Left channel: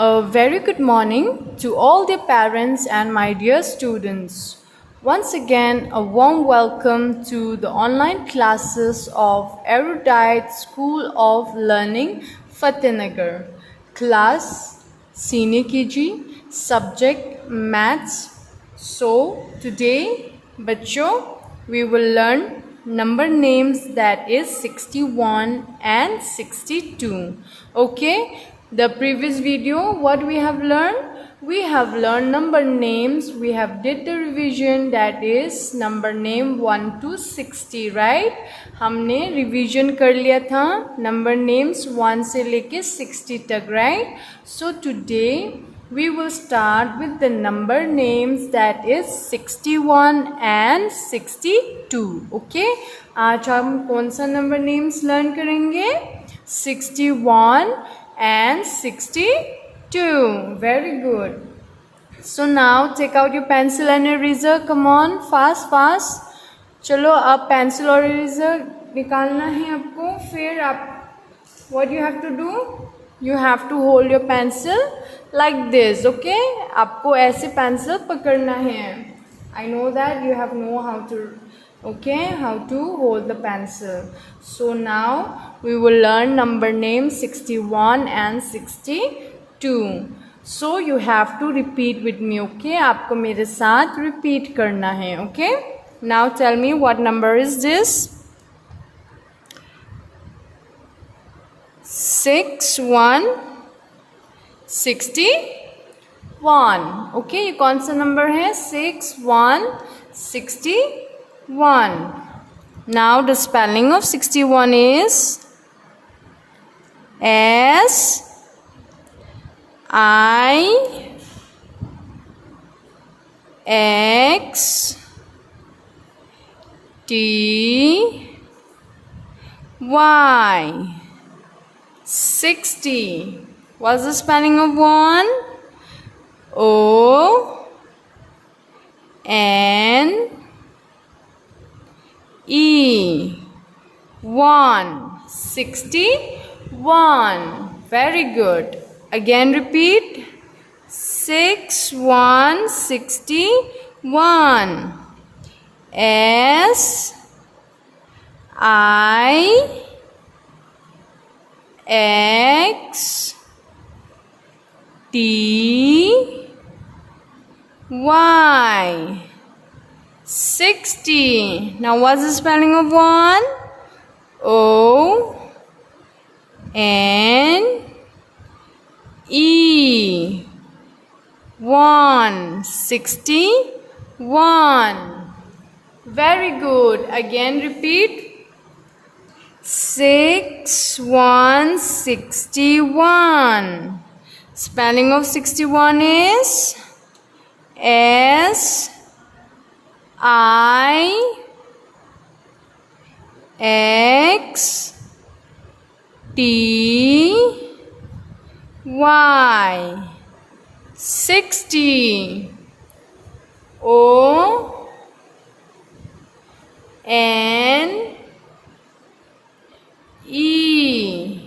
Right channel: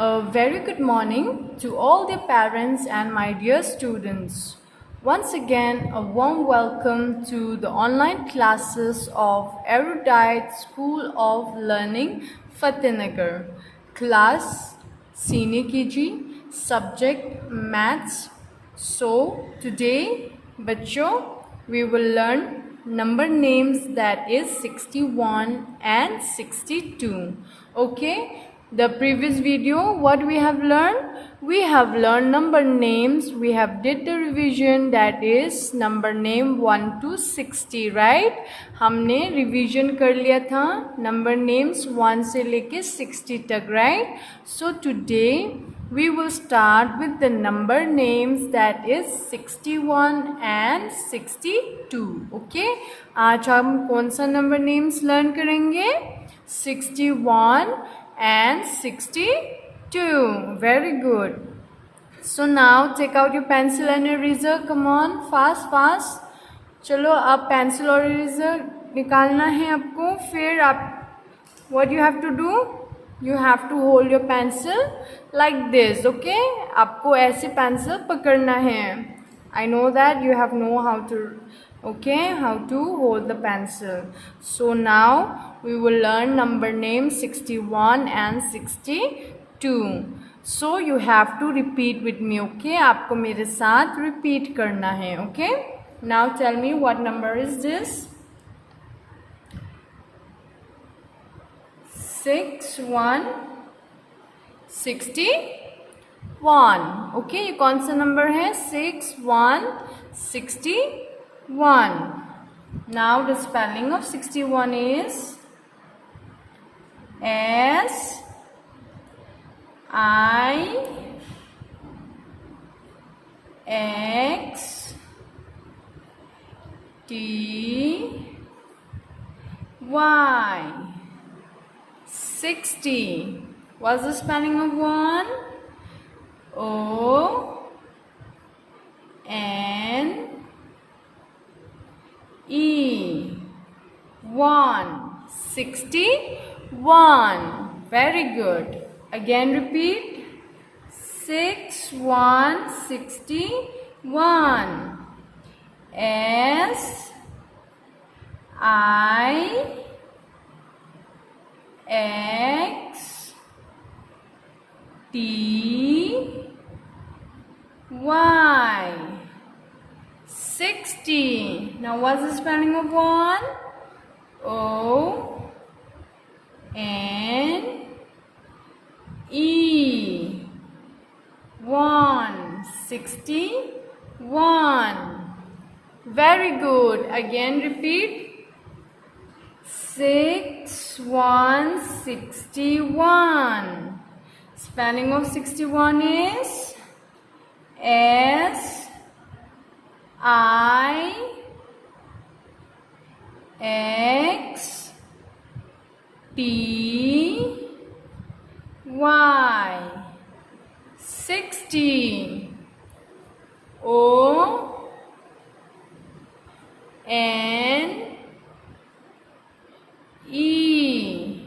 A very good morning to all the parents and my dear students. Once again, a warm welcome to the online classes of Erudite School of Learning, Fatehnagar. Class Senior KG, subject Maths. So, today, bachcho, we will learn number names, that is 61 and 62. Okay, the previous video what we have learned number names. We have did the revision, that is number name 1 to 60, right? हमने revision कर लिया था number names 1 से लेके 60 तक, right? So today we will start with the number names, that is 61 and 62. Okay, आज हम कौन सा number names learn करेंगे? 61 and 62. Very good. So now take out your pencil and eraser. Come on, fast. चलो अब pencil और eraser निकालना है आपको. फिर आप what you have to do? You have to hold your pencil like this. Okay? आपको ऐसे pencil पकड़ना है. I know that you have know how to hold the pencil. So now we will learn number name 61 and 62. So you have to repeat with me. Okay, आपको मेरे साथ repeat करना है. Okay, now tell me what number is this? 61 61. Okay, ये कौन सा number है? 61 61. Now the spelling of 61 is S I X T Y. 60. What's the spelling of 1? O N E. 1. 61. Very good. Again repeat. 61 61. S I X T Y. 60. Now what's the spelling of 1? O N E. 1. 61. Very good. Again repeat. 61 61. Spelling of 61 is S I X T Y. 60. O N E.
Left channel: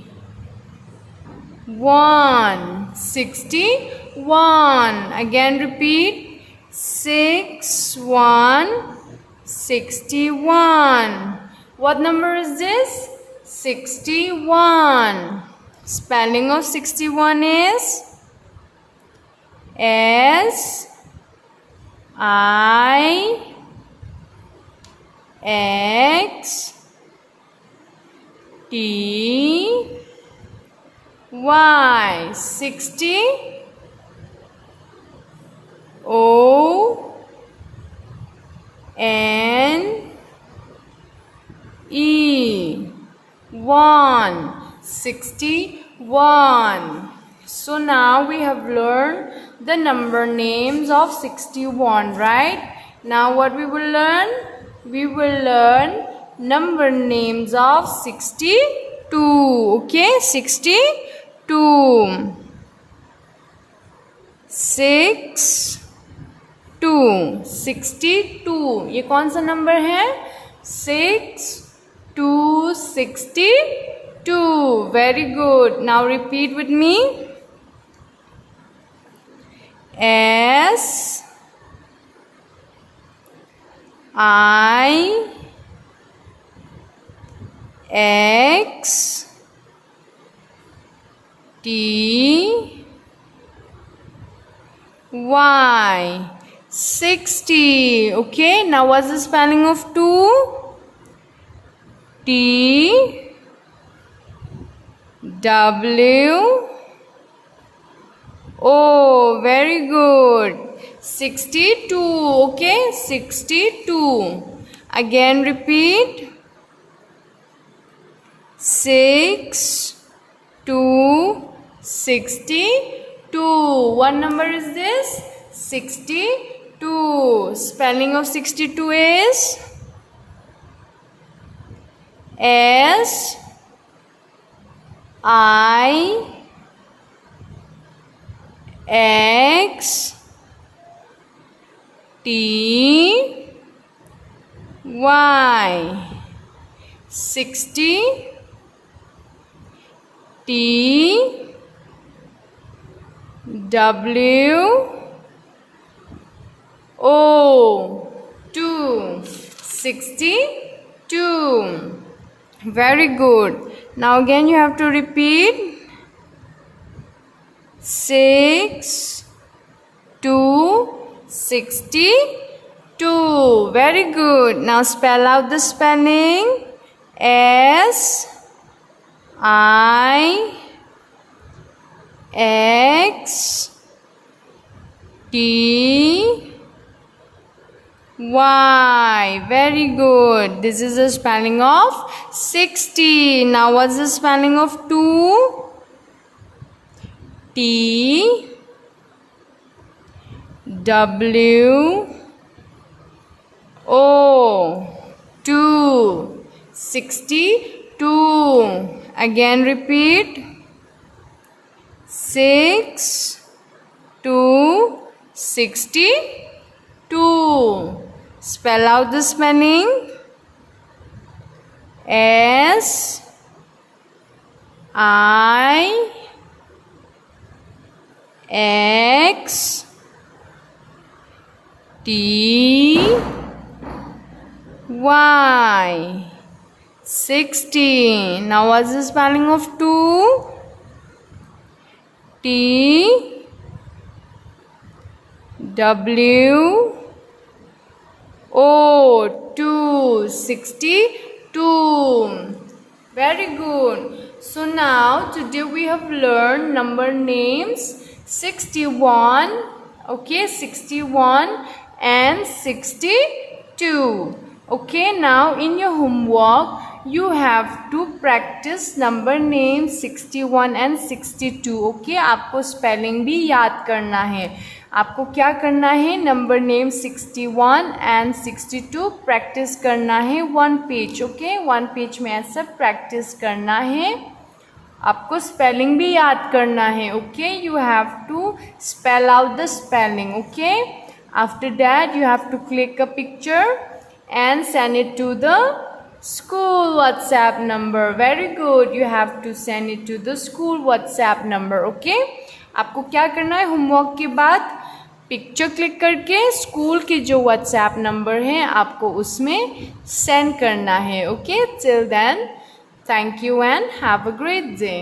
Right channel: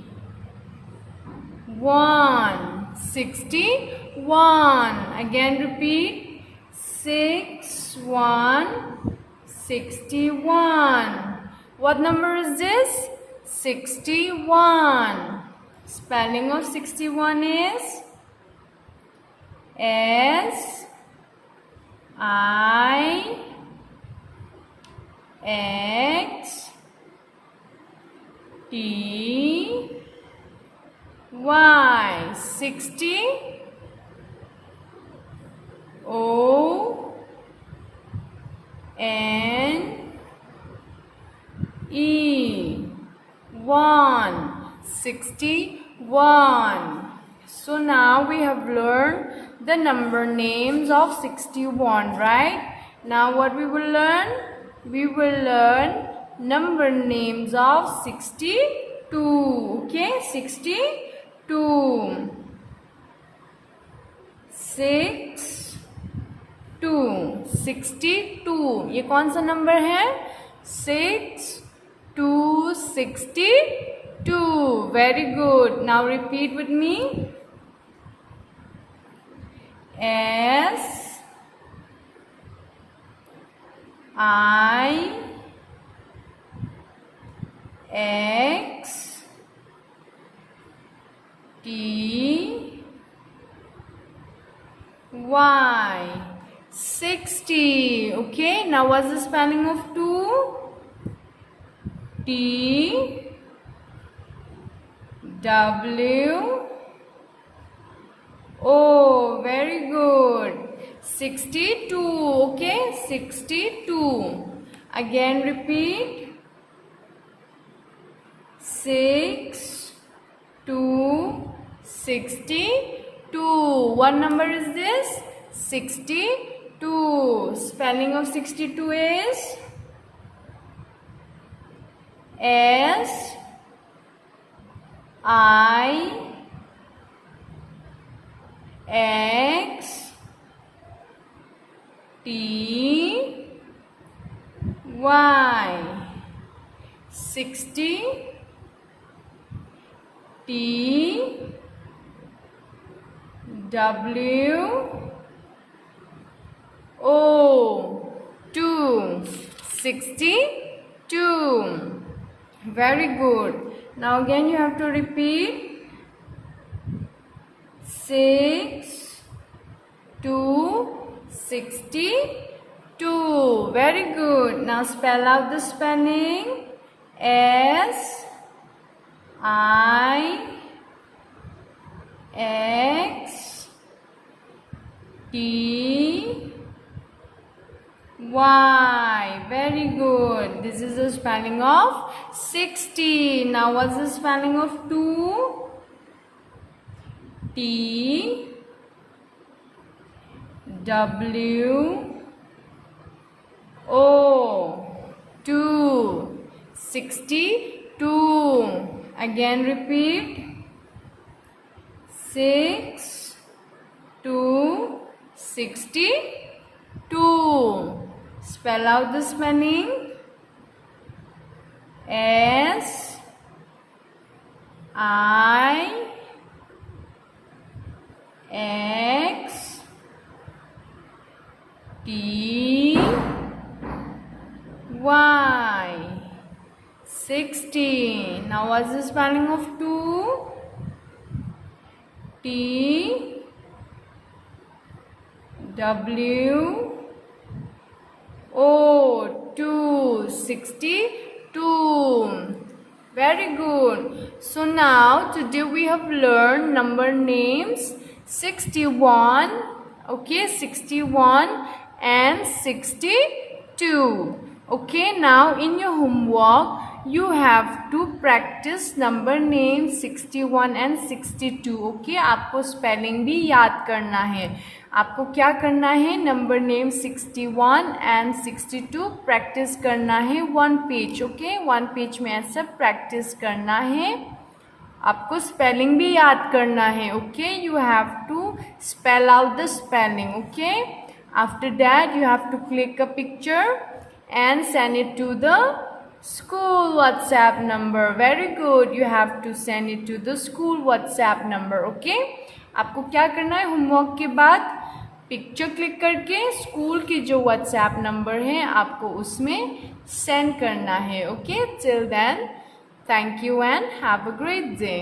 1. 61. Again repeat. 61 61. What number is this? 61. Spelling of 61 is S I X T Y. 60. O N E. 1. 61. So now we have learned the number names of 61, right? Now what we will learn? We will learn number names of 62. Okay, 62. 6 2. 62. ये कौन सा number है? 6 2 62. Very good. Now repeat with me. S I X T Y. 60. Okay, now what's the spelling of 2? T W O. Very good. 62. Okay, 62. Again repeat. 6 2 62. What number is this? 62. Spelling of 62 is S I X T Y. 60 T W O. 2. 62. Very good. Now again you have to repeat. 6 2 62. Very good. Now spell out the spelling. S I X T Y. Very good. This is the spelling of 60. Now what's the spelling of 2? T W O. 2. 62. Again repeat. 6 2 62. Spell out the spelling. S I X T Y. 60. Now what's the spelling of 2? T W O. 2. 62. Very good. So now today we have learned number names 61. Okay, 61 and 62. Okay, now in your homework you have to practice number names 61 and 62. Okay, आपको spelling भी याद करना है. आपको क्या करना है? Number name 61 and 62 practice करना है 1 पेज. ओके, 1 पेज में ऐसा प्रैक्टिस करना है. आपको स्पेलिंग भी याद करना है. Okay, you have to spell out the spelling. Okay, after that you have to click a picture and send it to the school WhatsApp number. Very good. You have to send it to the school WhatsApp number. Okay, आपको क्या करना है? Homework के बाद picture click करके school की जो WhatsApp number है आपको उसमें सेंड करना है. Okay, till then thank you and have a great day.